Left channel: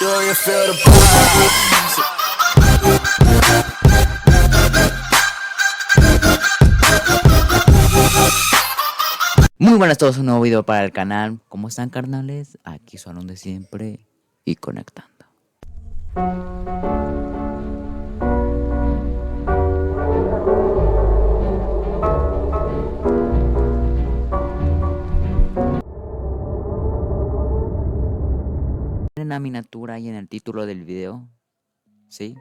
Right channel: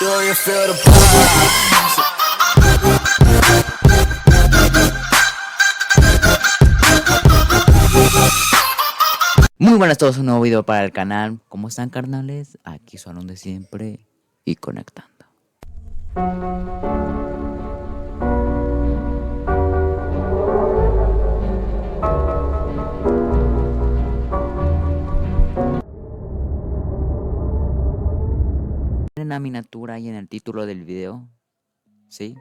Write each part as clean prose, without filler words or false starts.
Do you feel the pulse? Muy buenas a todos, un nuevo video para el canal. ¿Cómo están, carnales? Aquí son de siempre y conectando. En la miniatura y en el título del video, ¿sí?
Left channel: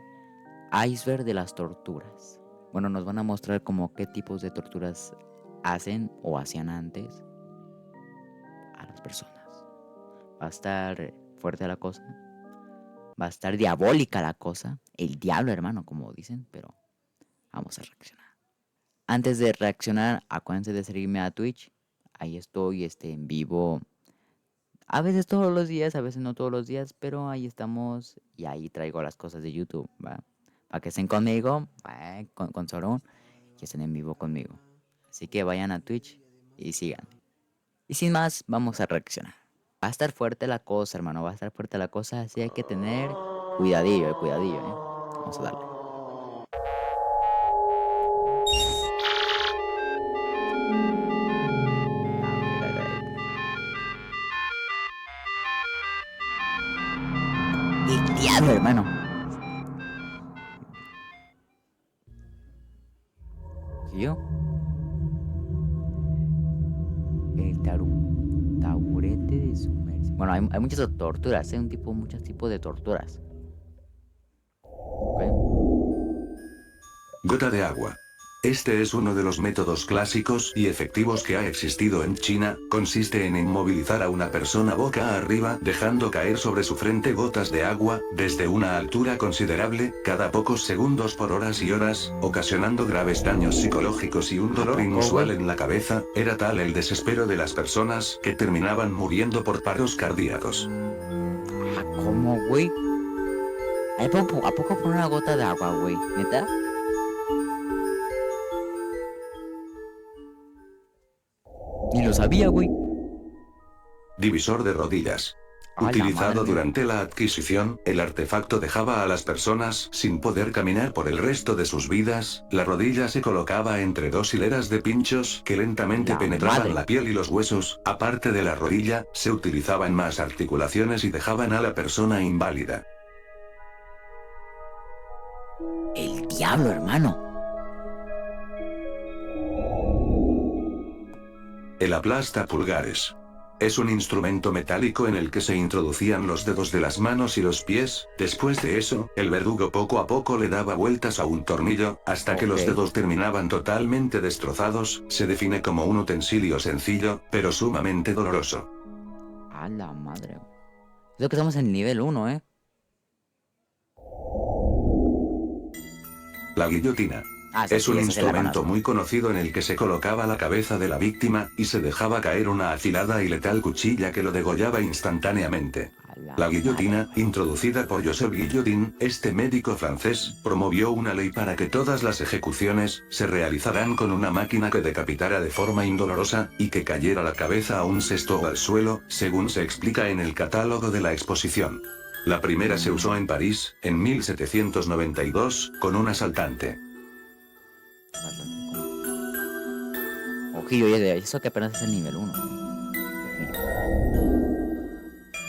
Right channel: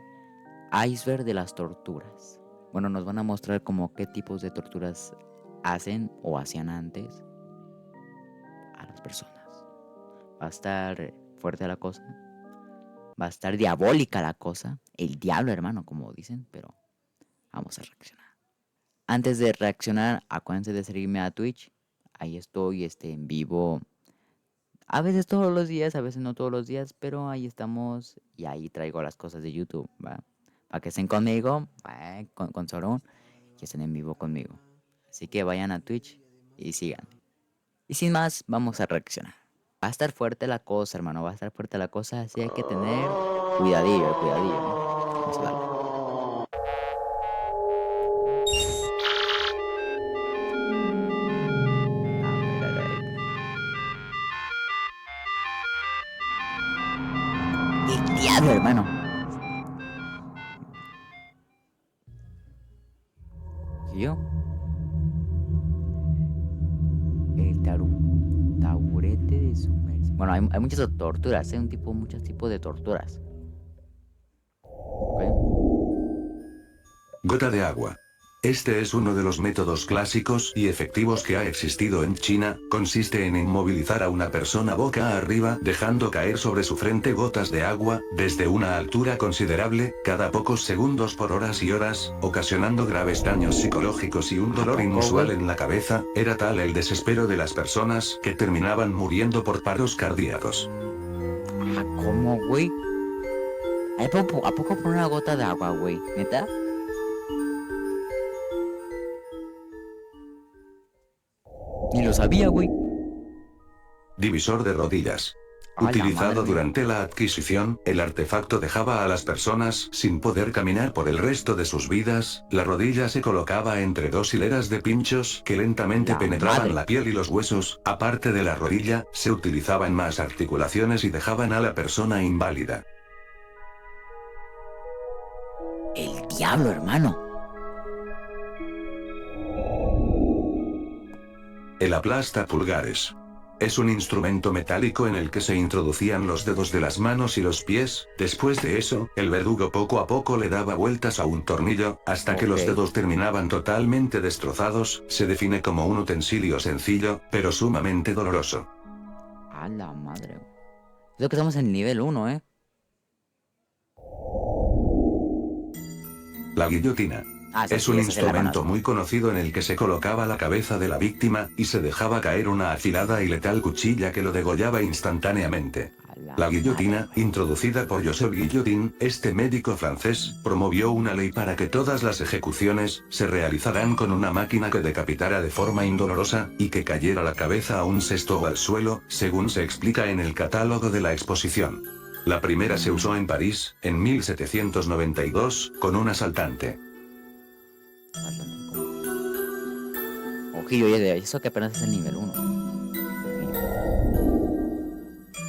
Iceberg de las torturas. Bueno, nos van a mostrar como qué tipos de torturas hacen o hacían antes a las personas. Va a estar fuerte la cosa. Va a estar diabólica la cosa. El diablo, hermano, como dicen, pero vamos a reaccionar. Antes de reaccionar, acuérdense de seguirme a Twitch. Ahí estoy en vivo. A veces todos los días, a veces no todos los días, pero ahí estamos y ahí traigo las cosas de YouTube, ¿va? Para que estén conmigo, con Sorón, y estén en vivo conmigo. Así que vayan a Twitch y sigan. Y sin más, vamos a reaccionar. Va a estar fuerte la cosa, hermano, va a estar fuerte la cosa, así hay que tener cuidadillo, cuidadillo, Vamos a darle. A ver. El diablo, hermano. ¿Y yo? El taburete de sumersión. Bueno, hay muchas torturas, hay muchos tipos de torturas. ¿Ok? Gota de agua. Este es uno de los métodos clásicos y efectivos que ha existido en China. Consiste en inmovilizar a una persona boca arriba, dejando caer sobre su frente gotas de agua, desde una altura considerable, cada pocos segundos por horas y horas, ocasionando graves daños psicológicos y un dolor inusual en la cabeza. Era tal el desespero de las personas que terminaban muriendo por paros cardíacos. ¿Cómo, güey? ¿A poco por una gota de agua, güey? ¿Neta? Ni lo sabía, güey. Divisor de rodillas. ¡A la madre Utilizado mía! durante la adquisición, el artefacto dejaba a las personas sin poder caminar por el resto de sus vidas. La rodilla se colocaba entre dos hileras de pinchos que lentamente La penetraban madre. la piel y los huesos. Aparte de la rodilla, se utilizaban más articulaciones y dejaban a la persona inválida. El diablo, hermano. El aplasta pulgares. Es un instrumento metálico en el que se introducían los dedos de las manos y los pies. Después de eso, el verdugo poco a poco le daba vueltas a un tornillo, hasta que los dedos terminaban totalmente destrozados. Se define como un utensilio sencillo, pero sumamente doloroso. A la madre. Creo que estamos en nivel 1, ¿eh? La guillotina. Es un instrumento muy conocido en el que se colocaba la cabeza de la víctima, y se dejaba caer una afilada y letal cuchilla que lo degollaba instantáneamente. La guillotina, introducida por Joseph Guillotin, este médico francés, promovió una ley para que todas las ejecuciones se realizaran con una máquina que decapitara de forma indolorosa, y que cayera la cabeza a un cesto o al suelo, según se explica en el catálogo de la exposición. La primera se usó en París, en 1792, con un asaltante. Ojillo, eso que apenas es el nivel 1.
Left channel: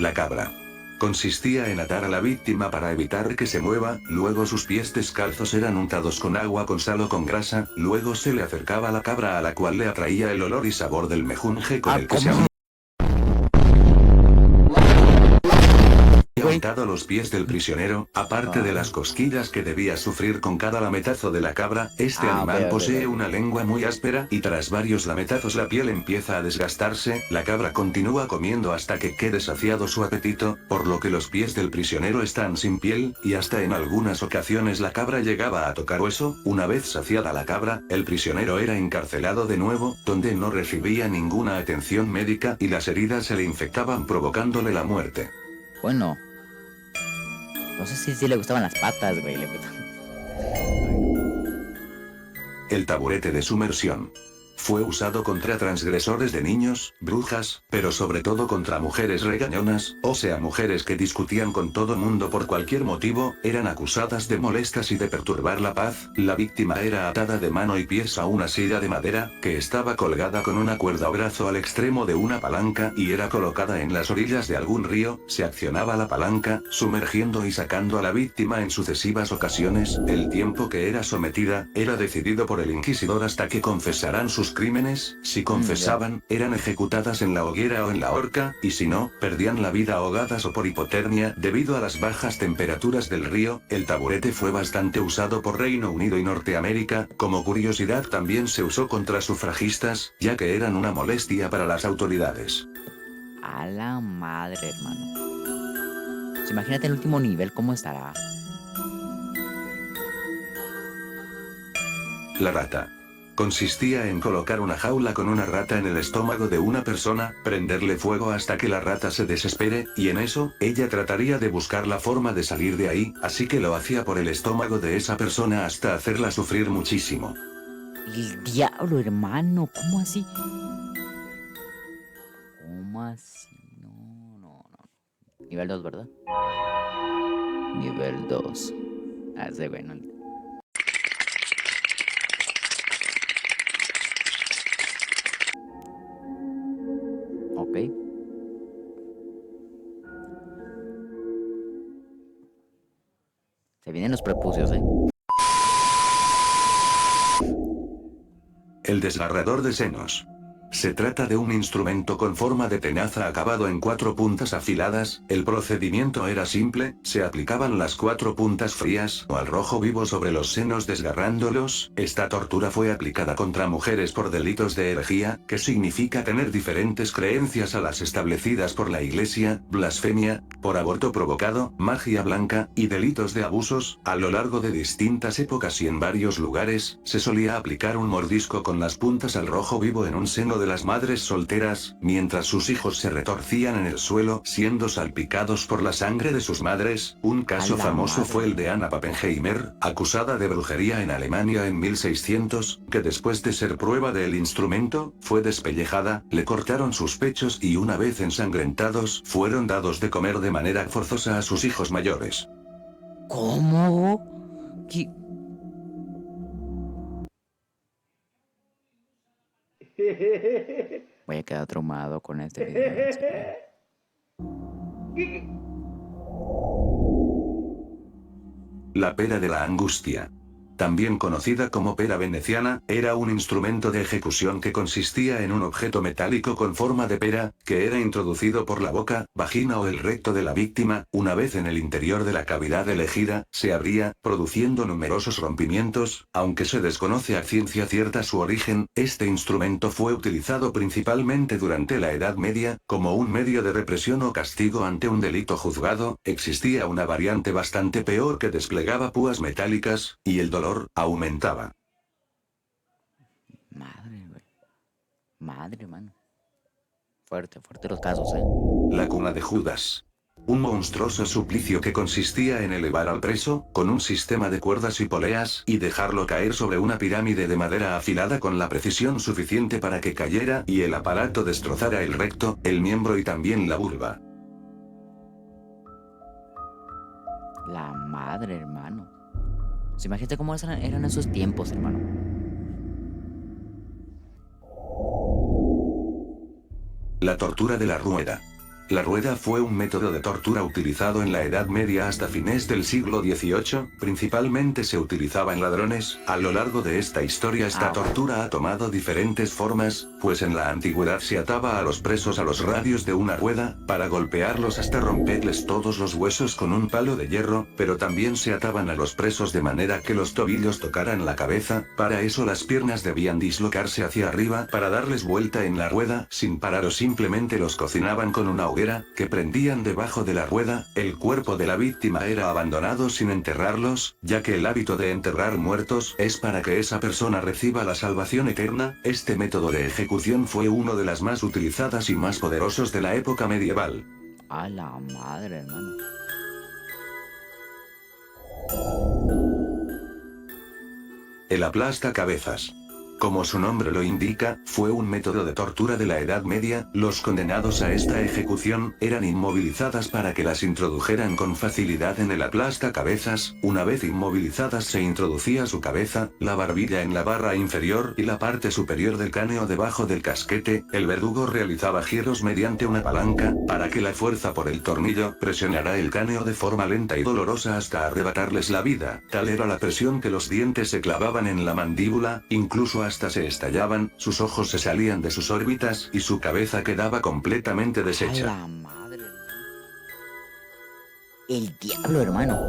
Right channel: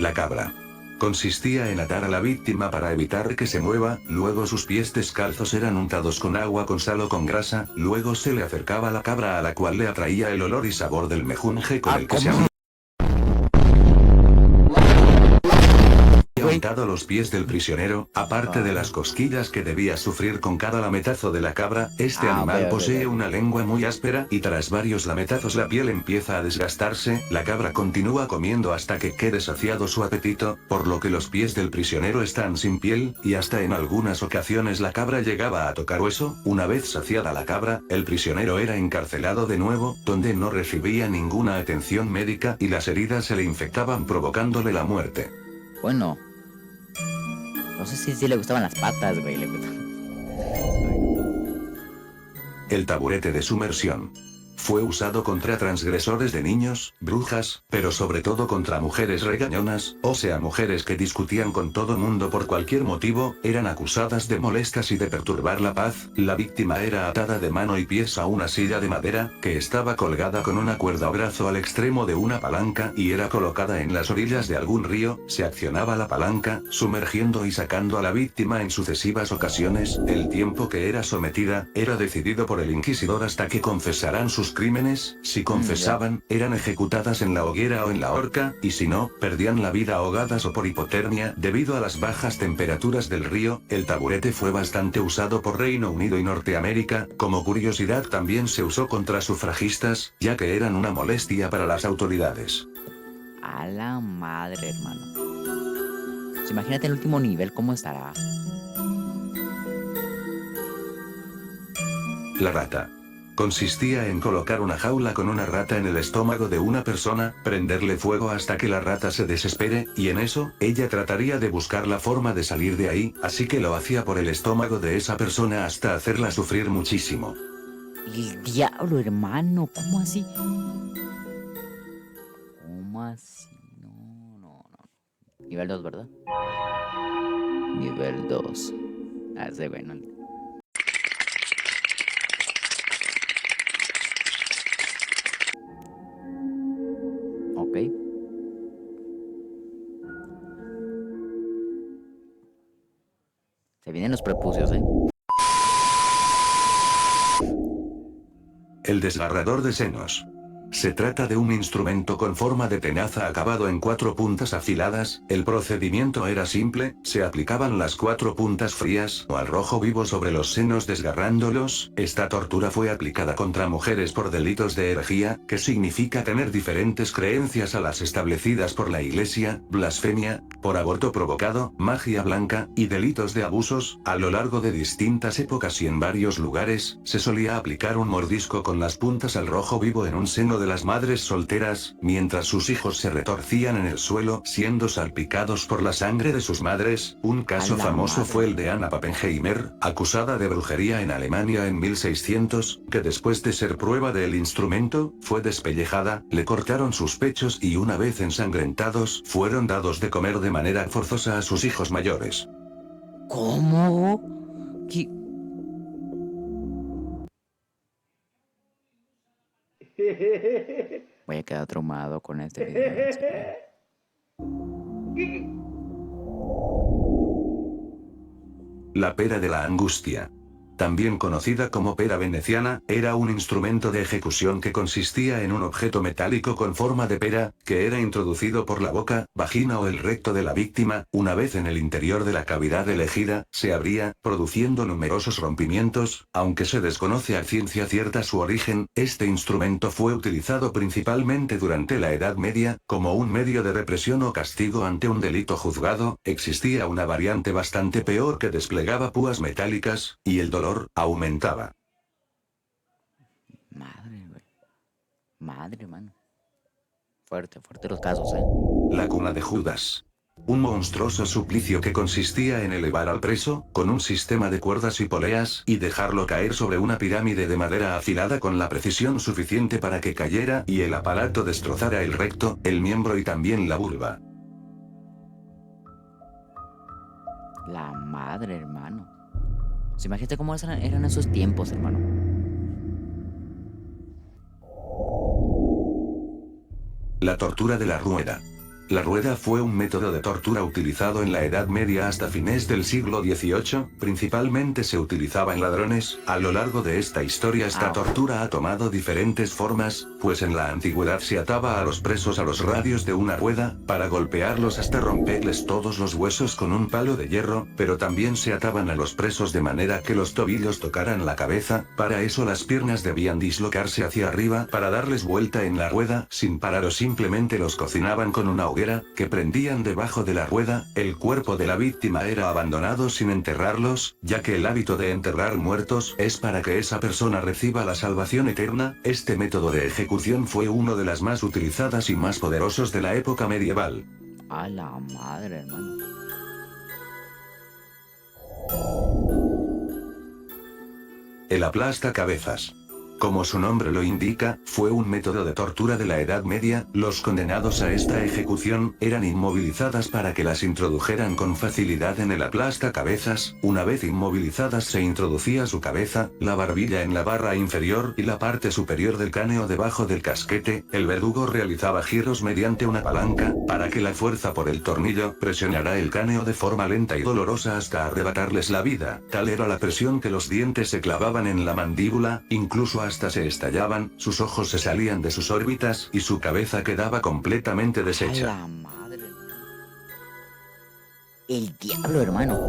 La cabra. Consistía en atar a la víctima para evitar que se mueva, luego sus pies descalzos eran untados con agua con sal o con grasa, luego se le acercaba la cabra a la cual le atraía el olor y sabor del mejunje con el que se untado los pies del prisionero, aparte de las cosquillas que debía sufrir con cada lametazo de la cabra. Este animal posee una lengua muy áspera, y tras varios lametazos la piel empieza a desgastarse. La cabra continúa comiendo hasta que quede saciado su apetito, por lo que los pies del prisionero están sin piel, y hasta en algunas ocasiones la cabra llegaba a tocar hueso. Una vez saciada la cabra, el prisionero era encarcelado de nuevo, donde no recibía ninguna atención médica y las heridas se le infectaban provocándole la muerte. Bueno. No sé si le gustaban las patas, güey. El taburete de sumersión. Fue usado contra transgresores de niños, brujas, pero sobre todo contra mujeres regañonas, o sea mujeres que discutían con todo mundo por cualquier motivo, eran acusadas de molestas y de perturbar la paz. La víctima era atada de mano y pies a una silla de madera, que estaba colgada con una cuerda o brazo al extremo de una palanca y era colocada en las orillas de algún río. Se accionaba la palanca, sumergiendo y sacando a la víctima en sucesivas ocasiones. El tiempo que era sometida, era decidido por el inquisidor hasta que confesaran sus crímenes. Si confesaban, eran ejecutadas en la hoguera o en la horca, y si no, perdían la vida ahogadas o por hipotermia. Debido a las bajas temperaturas del río, el taburete fue bastante usado por Reino Unido y Norteamérica. Como curiosidad también se usó contra sufragistas, ya que eran una molestia para las autoridades. A la madre, hermano. Pues imagínate el último nivel, ¿cómo estará? La rata. Consistía en colocar una jaula con una rata en el estómago de una persona, prenderle fuego hasta que la rata se desespere, y en eso, ella trataría de buscar la forma de salir de ahí, así que lo hacía por el estómago de esa persona hasta hacerla sufrir muchísimo. El diablo, hermano, ¿cómo así? ¿Cómo así? No. Nivel 2, ¿verdad? Nivel 2. Ese bueno. Ok. Se vienen los prepucios, ¿eh? El desgarrador de senos. Se trata de un instrumento con forma de tenaza acabado en 4 puntas afiladas. El procedimiento era simple, se aplicaban las 4 puntas frías o al rojo vivo sobre los senos desgarrándolos. Esta tortura fue aplicada contra mujeres por delitos de herejía, que significa tener diferentes creencias a las establecidas por la Iglesia, blasfemia, por aborto provocado, magia blanca, y delitos de abusos. A lo largo de distintas épocas y en varios lugares, se solía aplicar un mordisco con las puntas al rojo vivo en un seno de las madres solteras, mientras sus hijos se retorcían en el suelo, siendo salpicados por la sangre de sus madres. Un caso famoso fue el de Anna Pappenheimer, acusada de brujería en Alemania en 1600, que después de ser prueba del instrumento, fue despellejada, le cortaron sus pechos y una vez ensangrentados, fueron dados de comer de manera forzosa a sus hijos mayores. ¿Cómo? ¿Qué? Voy a quedar traumado con este video. La pera de la angustia. También conocida como pera veneciana, era un instrumento de ejecución que consistía en un objeto metálico con forma de pera, que era introducido por la boca, vagina o el recto de la víctima. Una vez en el interior de la cavidad elegida, se abría, produciendo numerosos rompimientos. Aunque se desconoce a ciencia cierta su origen, este instrumento fue utilizado principalmente durante la Edad Media, como un medio de represión o castigo ante un delito juzgado. Existía una variante bastante peor que desplegaba púas metálicas, y el dolor aumentaba. Madre, güey. Madre, mano. Fuerte los casos, ¿eh? La cuna de Judas. Un monstruoso suplicio que consistía en elevar al preso, con un sistema de cuerdas y poleas, y dejarlo caer sobre una pirámide de madera afilada con la precisión suficiente para que cayera y el aparato destrozara el recto, el miembro y también la vulva. La madre, hermano. Pues imagínate cómo eran esos tiempos, hermano. La tortura de la rueda. La rueda fue un método de tortura utilizado en la Edad Media hasta fines del siglo XVIII, principalmente se utilizaba en ladrones. A lo largo de esta historia esta tortura ha tomado diferentes formas, pues en la antigüedad se ataba a los presos a los radios de una rueda, para golpearlos hasta romperles todos los huesos con un palo de hierro, pero también se ataban a los presos de manera que los tobillos tocaran la cabeza. Para eso las piernas debían dislocarse hacia arriba para darles vuelta en la rueda, sin parar, o simplemente los cocinaban con una hoguera que prendían debajo de la rueda. El cuerpo de la víctima era abandonado sin enterrarlos, ya que el hábito de enterrar muertos es para que esa persona reciba la salvación eterna. Este método de ejecución fue uno de las más utilizadas y más poderosos de la época medieval. A la madre, hermano. El aplasta cabezas. Como su nombre lo indica, fue un método de tortura de la Edad Media. Los condenados a esta ejecución eran inmovilizadas para que las introdujeran con facilidad en el aplastacabezas. Una vez inmovilizadas se introducía su cabeza, la barbilla en la barra inferior y la parte superior del cráneo debajo del casquete. El verdugo realizaba giros mediante una palanca, para que la fuerza por el tornillo presionara el cráneo de forma lenta y dolorosa hasta arrebatarles la vida. Tal era la presión que los dientes se clavaban en la mandíbula, incluso hasta se estallaban, sus ojos se salían de sus órbitas y su cabeza quedaba completamente A deshecha. la madre. El diablo, hermano.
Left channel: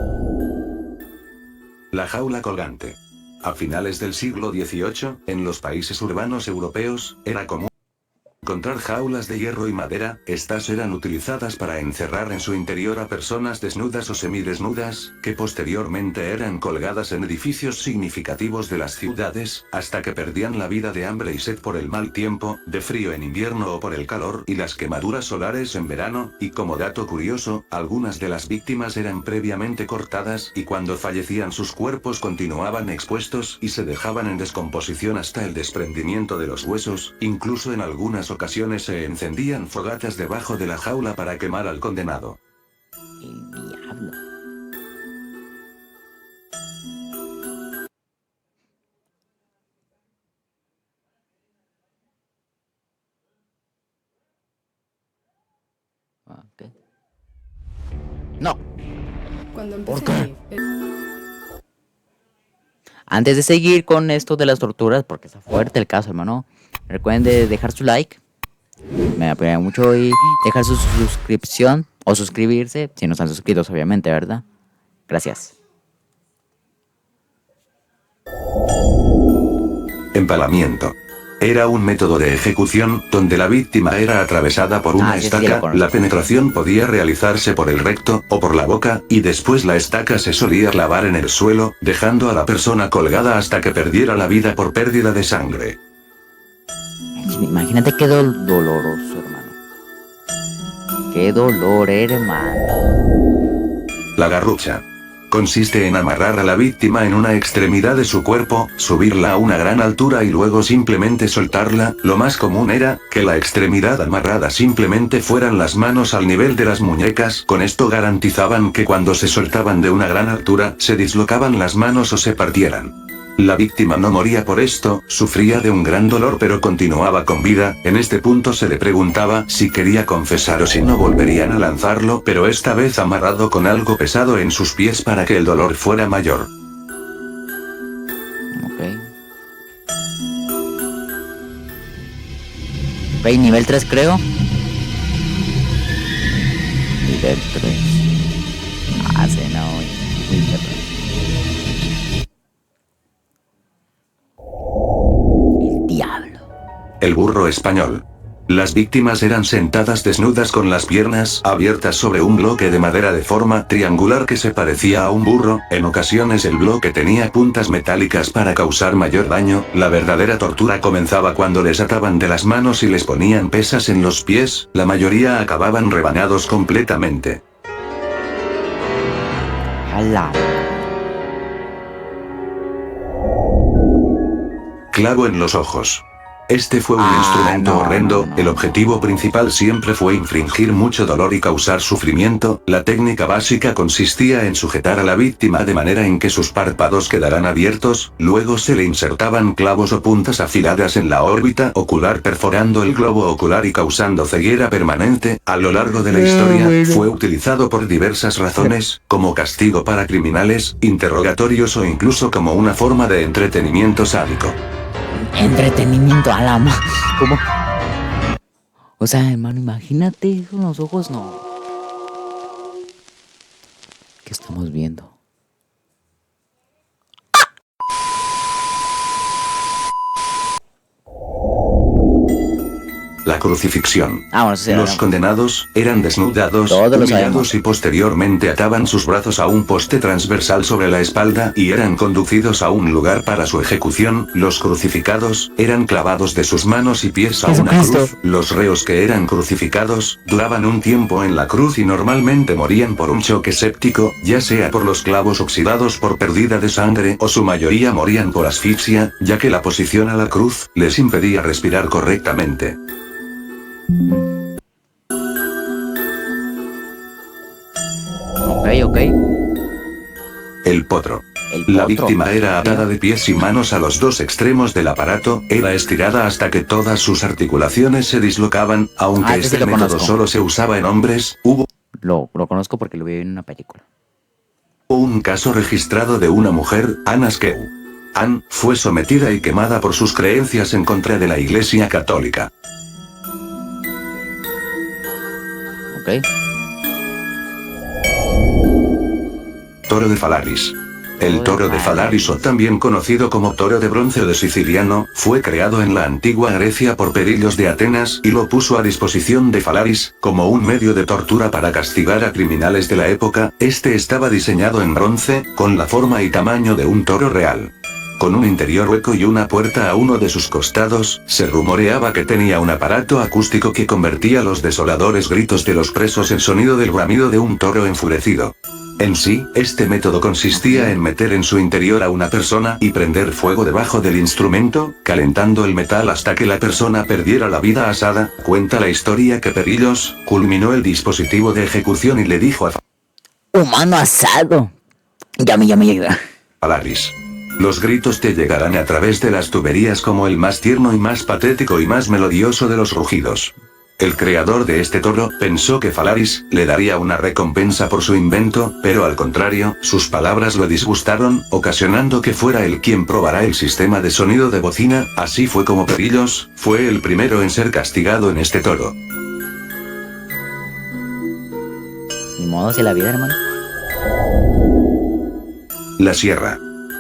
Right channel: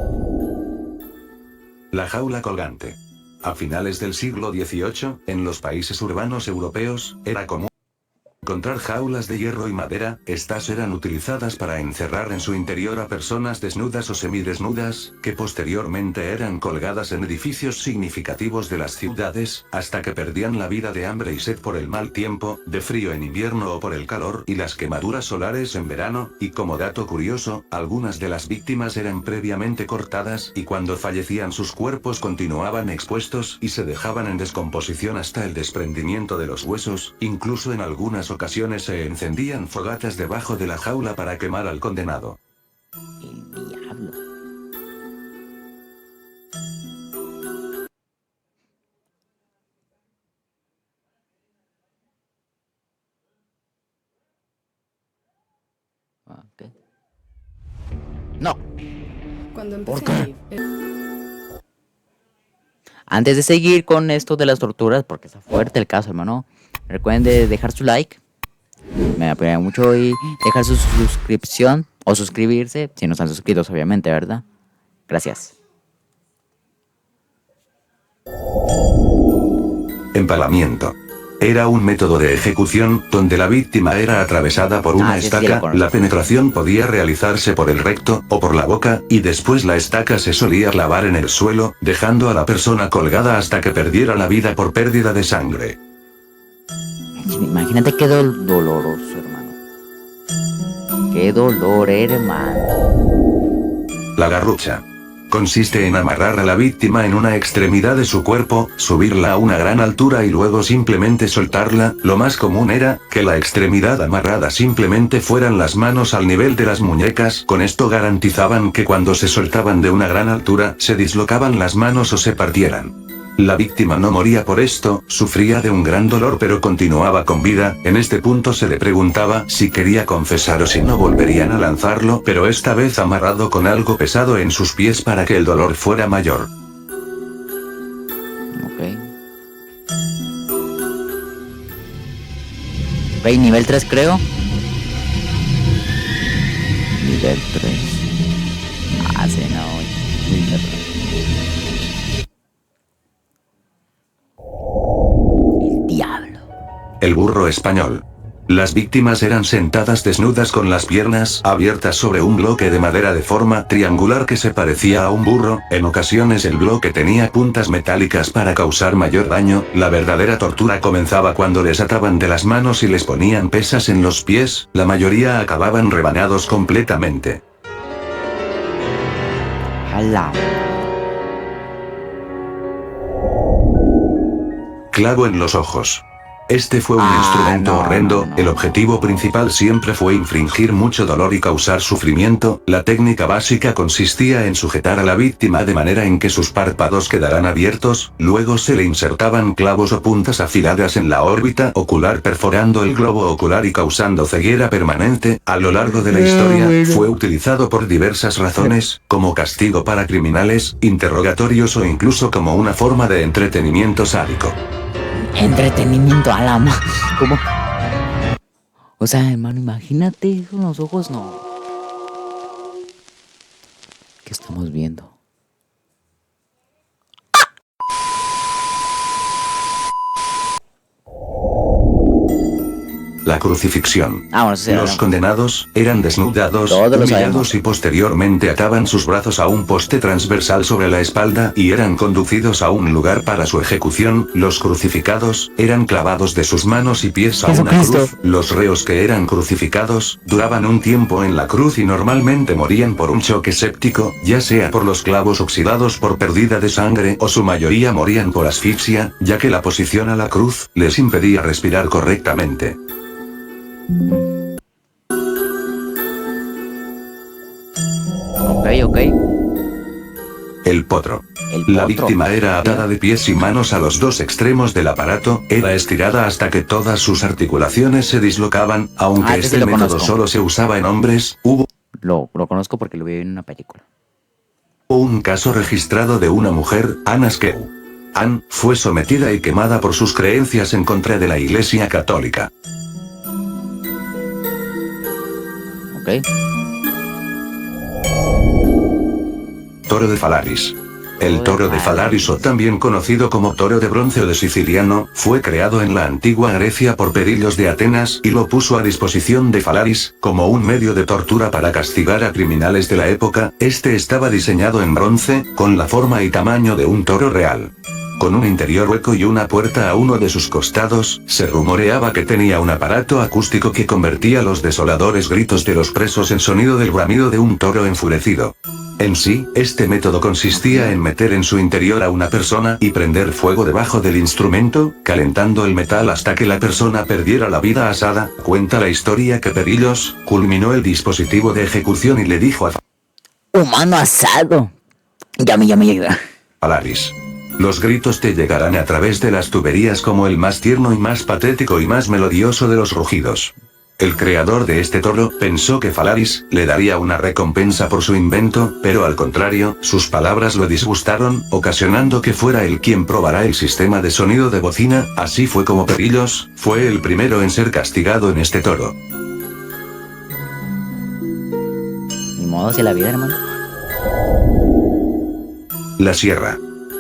La jaula colgante. A finales del siglo XVIII, en los países urbanos europeos, era común encontrar jaulas de hierro y madera. Estas eran utilizadas para encerrar en su interior a personas desnudas o semidesnudas, que posteriormente eran colgadas en edificios significativos de las ciudades, hasta que perdían la vida de hambre y sed por el mal tiempo, de frío en invierno o por el calor y las quemaduras solares en verano. Y como dato curioso, algunas de las víctimas eran previamente cortadas y cuando fallecían sus cuerpos continuaban expuestos y se dejaban en descomposición hasta el desprendimiento de los huesos. Incluso en algunas ocasiones se encendían fogatas debajo de la jaula para quemar al condenado. El diablo. Ok. No. Cuando ¿Por empecé qué? Antes de seguir con esto de las torturas, porque está fuerte el caso, hermano, recuerden de dejar su like. Me apoyaría mucho y dejar su suscripción o suscribirse si no están suscritos, obviamente, ¿verdad? Gracias. Empalamiento. Era un método de ejecución donde la víctima era atravesada por una Sí, lo estaca. conozco. La penetración podía realizarse por el recto o por la boca, y después la estaca se solía clavar en el suelo, dejando a la persona colgada hasta que perdiera la vida por pérdida de sangre. Imagínate qué doloroso, hermano. Qué dolor, hermano. La garrucha. Consiste en amarrar a la víctima en una extremidad de su cuerpo, subirla a una gran altura y luego simplemente soltarla. Lo más común era que la extremidad amarrada simplemente fueran las manos al nivel de las muñecas. Con esto garantizaban que cuando se soltaban de una gran altura, se dislocaban las manos o se partieran. La víctima no moría por esto, sufría de un gran dolor pero continuaba con vida. En este punto se le preguntaba si quería confesar o si no volverían a lanzarlo, pero esta vez amarrado con algo pesado en sus pies para que el dolor fuera mayor. Ok. Ok, nivel 3 creo. Nivel 3. Sí, no, muy perro. El diablo. El burro español. Las víctimas eran sentadas desnudas con las piernas abiertas sobre un bloque de madera de forma triangular que se parecía a un burro. En ocasiones el bloque tenía puntas metálicas para causar mayor daño. La verdadera tortura comenzaba cuando les ataban de las manos y les ponían pesas en los pies. La mayoría acababan rebanados completamente. Jala. Clavo en los ojos. Este fue un instrumento horrendo. El objetivo principal siempre fue infligir mucho dolor y causar sufrimiento. La técnica básica consistía en sujetar a la víctima de manera en que sus párpados quedaran abiertos, luego se le insertaban clavos o puntas afiladas en la órbita ocular perforando el globo ocular y causando ceguera permanente. A lo largo de la historia, fue utilizado por diversas razones, como castigo para criminales, interrogatorios o incluso como una forma de entretenimiento sádico. Entretenimiento a la ¿Cómo? O sea, hermano, imagínate con los ojos, no. ¿Qué estamos viendo? la crucifixión. Bueno, sí, Los condenados eran desnudados, todos lo humillados sabemos. y posteriormente ataban sus brazos a un poste transversal sobre la espalda y eran conducidos a un lugar para su ejecución. Los crucificados eran clavados de sus manos y pies a una cruz. Los reos que eran crucificados duraban un tiempo en la cruz y normalmente morían por un choque séptico, ya sea por los clavos oxidados por pérdida de sangre o su mayoría morían por asfixia, ya que la posición a la cruz les impedía respirar correctamente. Ok. El potro. El La potro. víctima era atada de pies y manos a los dos extremos del aparato, era estirada hasta que todas sus articulaciones se dislocaban, aunque este sí este lo método conozco. solo se usaba en hombres. Hubo Lo conozco porque lo vi en una película. un caso registrado de una mujer, Anna Skeu. Anne fue sometida y quemada por sus creencias en contra de la Iglesia Católica. Ok. Toro de Falaris. El toro de Falaris, o también conocido como toro de bronce o de siciliano, fue creado en la antigua Grecia por Perillos de Atenas y lo puso a disposición de Falaris, como un medio de tortura para castigar a criminales de la época. Este estaba diseñado en bronce, con la forma y tamaño de un toro real. Con un interior hueco y una puerta a uno de sus costados, se rumoreaba que tenía un aparato acústico que convertía los desoladores gritos de los presos en sonido del bramido de un toro enfurecido. En sí, este método consistía en meter en su interior a una persona y prender fuego debajo del instrumento, calentando el metal hasta que la persona perdiera la vida asada. Cuenta la historia que Perillos culminó el dispositivo de ejecución y le dijo a Humano asado. Llame. Falaris: los gritos te llegarán a través de las tuberías como el más tierno y más patético y más melodioso de los rugidos. El creador de este toro pensó que Falaris le daría una recompensa por su invento, pero al contrario, sus palabras lo disgustaron, ocasionando que fuera él quien probara el sistema de sonido de bocina. Así fue como Perillos fue el primero en ser castigado en este toro. Ni modo hacia la vida, hermano. La sierra.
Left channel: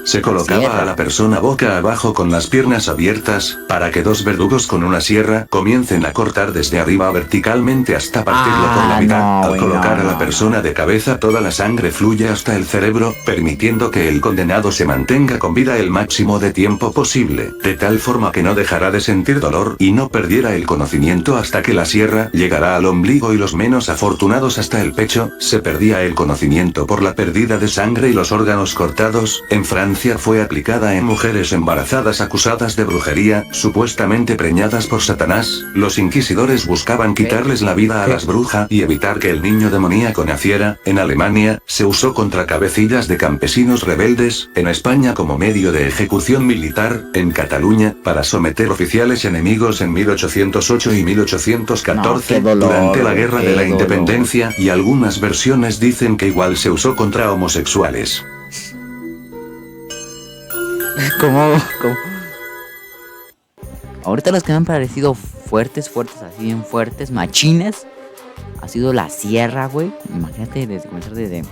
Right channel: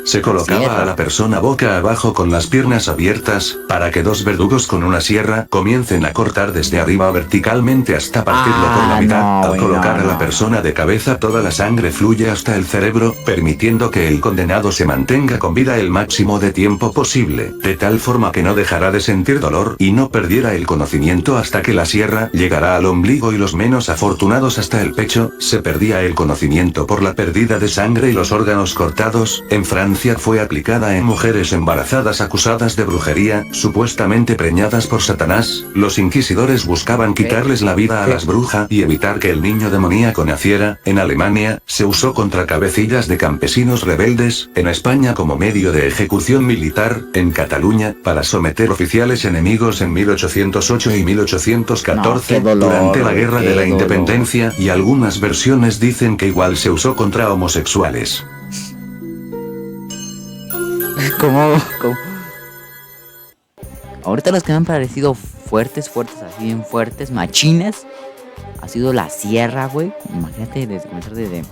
Se colocaba a la persona boca abajo con las piernas abiertas, para que dos verdugos con una sierra comiencen a cortar desde arriba verticalmente hasta partirlo por la mitad. Al colocar a la persona de cabeza, toda la sangre fluye hasta el cerebro, permitiendo que el condenado se mantenga con vida el máximo de tiempo posible, de tal forma que no dejará de sentir dolor y no perdiera el conocimiento hasta que la sierra llegará al ombligo y los menos afortunados hasta el pecho. Se perdía el conocimiento por la pérdida de sangre y los órganos cortados. En Francia fue aplicada en mujeres embarazadas acusadas de brujería, supuestamente preñadas por Satanás. Los inquisidores buscaban quitarles la vida a las brujas y evitar que el niño demoníaco naciera. En Alemania, se usó contra cabecillas de campesinos rebeldes, en España como medio de ejecución militar, en Cataluña, para someter oficiales enemigos en 1808 y 1814, durante la Guerra de la Independencia, y algunas versiones dicen que igual se usó contra homosexuales. ¿Cómo? Ahorita los que me han parecido fuertes, así bien fuertes, machines, ha sido la sierra, güey. Imagínate desde comenzar desde,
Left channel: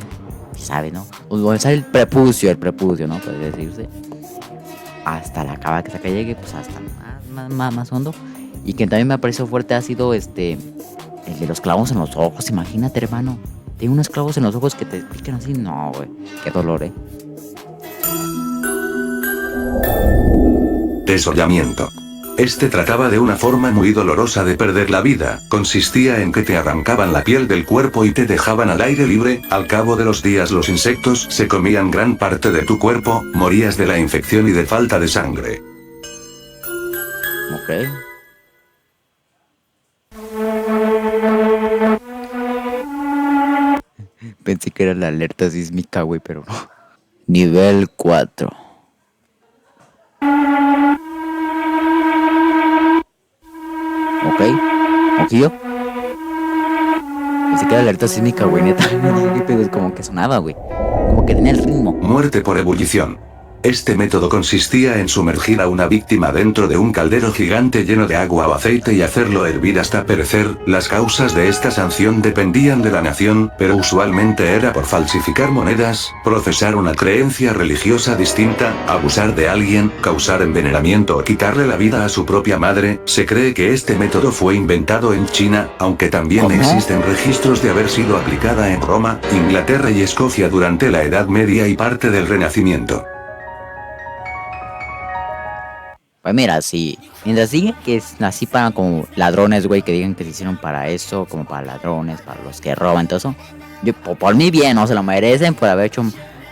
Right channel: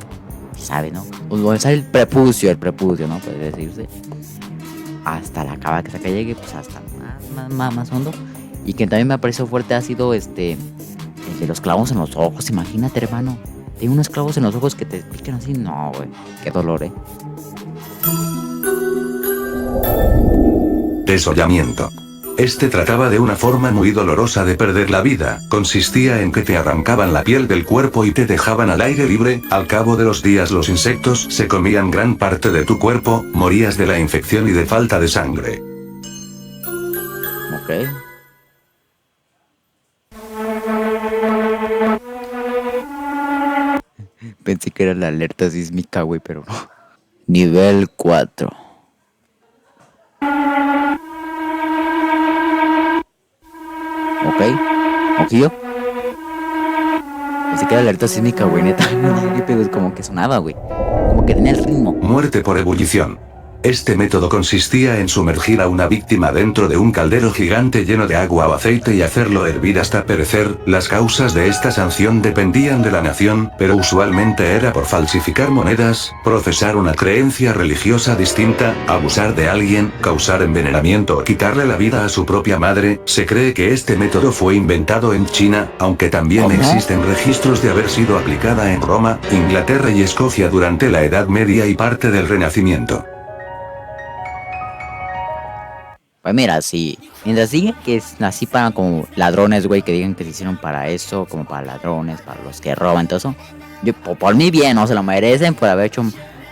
¿sabes, no? O comenzar el prepucio, ¿no? Puede decirse. Hasta la cava que saca llegue, pues hasta más hondo. Y que también me ha parecido fuerte ha sido el de los clavos en los ojos. Imagínate, hermano. Tengo unos clavos en los ojos que te pican así. No, güey. Qué dolor, Desollamiento. Este trataba de una forma muy dolorosa de perder la vida. Consistía en que te arrancaban la piel del cuerpo y te dejaban al aire libre. Al cabo de los días los insectos se comían gran parte de tu cuerpo, morías de la infección y de falta de sangre. Ok. Pensé que era la alerta sísmica, güey, pero no. Nivel 4. Ok. Ojillo. Pensé que era la alerta sísmica, güey, neta. Pero como que sonaba, güey. Como que tenía el ritmo. Muerte por ebullición. Este método consistía en sumergir a una víctima dentro de un caldero gigante lleno de agua o aceite y hacerlo hervir hasta perecer. Las causas de esta sanción dependían de la nación, pero usualmente era por falsificar monedas, profesar una creencia religiosa distinta, abusar de alguien, causar envenenamiento o quitarle la vida a su propia madre. Se cree que este método fue inventado en China, aunque también ¿Cómo? existen registros de haber sido aplicada en Roma, Inglaterra y Escocia durante la Edad Media y parte del Renacimiento. Pues mira, si mientras digan que es así para como ladrones, güey, que digan que se hicieron para eso, como para ladrones, para los que roban, todo eso. Yo, por mí bien, ¿no? Se lo merecen por haber hecho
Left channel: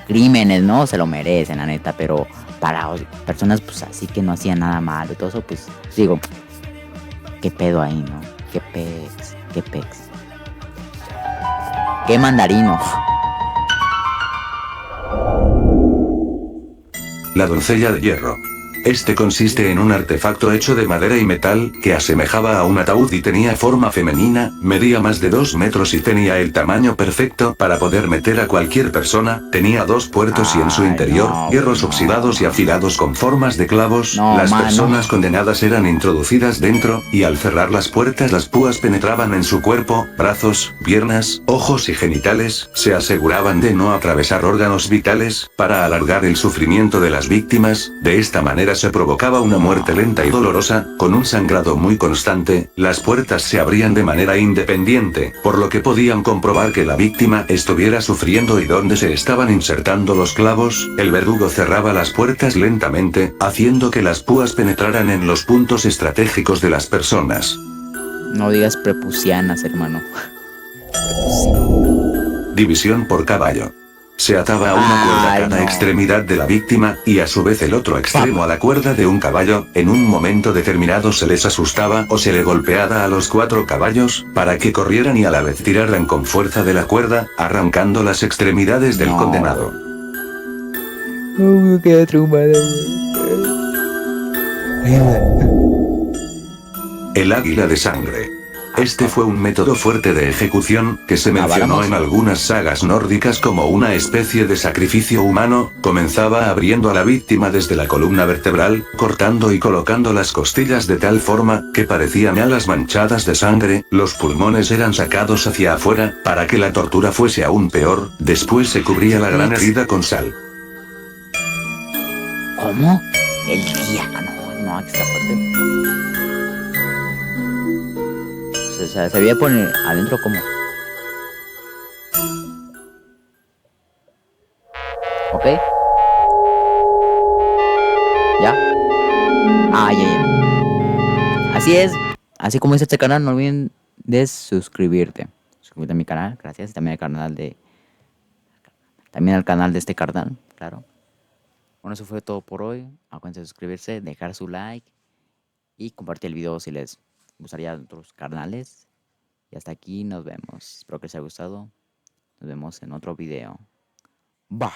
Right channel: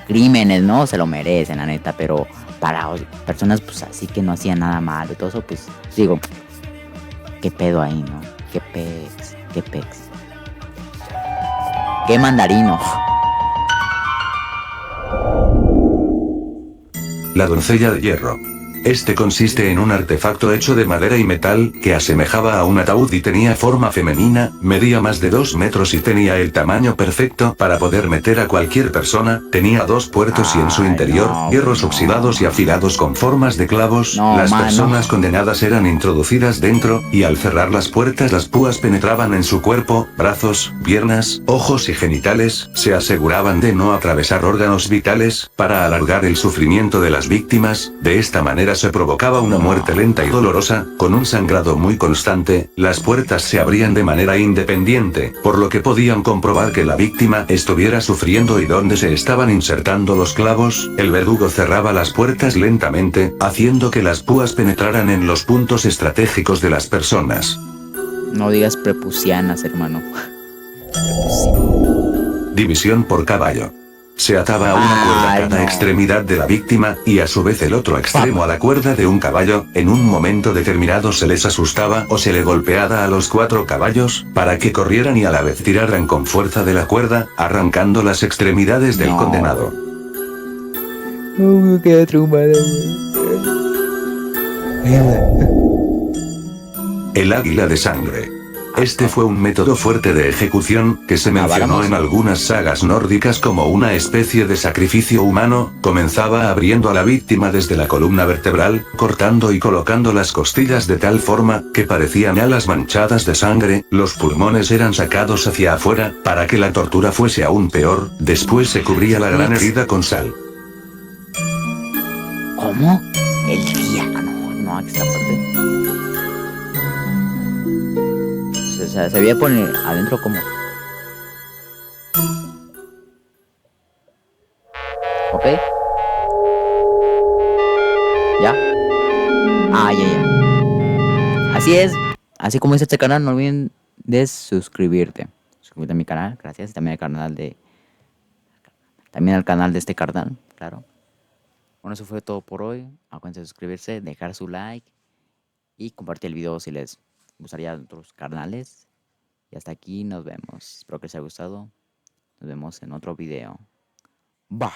crímenes, ¿no? Se lo merecen, la neta, pero para personas, pues así que no hacían nada malo y todo eso, pues digo, ¿qué pedo ahí, no? ¿Qué pex? ¿Qué pex? ¿Qué mandarino? La doncella de hierro. Este consiste en un artefacto hecho de madera y metal, que asemejaba a un ataúd y tenía forma femenina, medía más de 2 metros y tenía el tamaño perfecto para poder meter a cualquier persona, tenía 2 puertos y en su Ay, interior, no, hierros no, oxidados y man. afilados con formas de clavos. No, Las man, personas no. condenadas eran introducidas dentro, y al cerrar las puertas las púas penetraban en su cuerpo, brazos, piernas, ojos y genitales, se aseguraban de no atravesar órganos vitales, para alargar el sufrimiento de las víctimas. De esta manera se provocaba una muerte lenta y dolorosa, con un sangrado muy constante. Las puertas se abrían de manera independiente, por lo que podían comprobar que la víctima estuviera sufriendo y donde se estaban insertando los clavos. El verdugo cerraba las puertas lentamente, haciendo que las púas penetraran en los puntos estratégicos de las personas. No digas prepucianas, hermano. División por caballo. Se ataba a una cuerda a cada extremidad de la víctima, y a su vez el otro extremo a la cuerda de un caballo. En un momento determinado se les asustaba o se le golpeaba a los 4 caballos, para que corrieran y a la vez tiraran con fuerza de la cuerda, arrancando las extremidades del condenado. No, quedé traumado, El águila de sangre. Este fue un método fuerte de ejecución, que se mencionó en algunas sagas nórdicas como una especie de sacrificio humano. Comenzaba abriendo a la víctima desde la columna vertebral, cortando y colocando las costillas de tal forma, que parecían alas manchadas de sangre. Los pulmones eran sacados hacia afuera, para que la tortura fuese aún peor. Después se cubría la gran herida con sal. ¿Cómo? El día. No, aquí está fuerte. O sea, se veía poner adentro como. ¿Ok? ¿Ya? Ah, ya. Así es. Así como dice este canal, no olviden de suscribirte. Suscríbete a mi canal, gracias. También al canal de. También al canal de este carnal, claro. Bueno, eso fue todo por hoy. Acuérdense de suscribirse, dejar su like y compartir el video si les gustaría otros canales. Y hasta aquí nos vemos. Espero que les haya gustado. Nos vemos en otro video. Bye.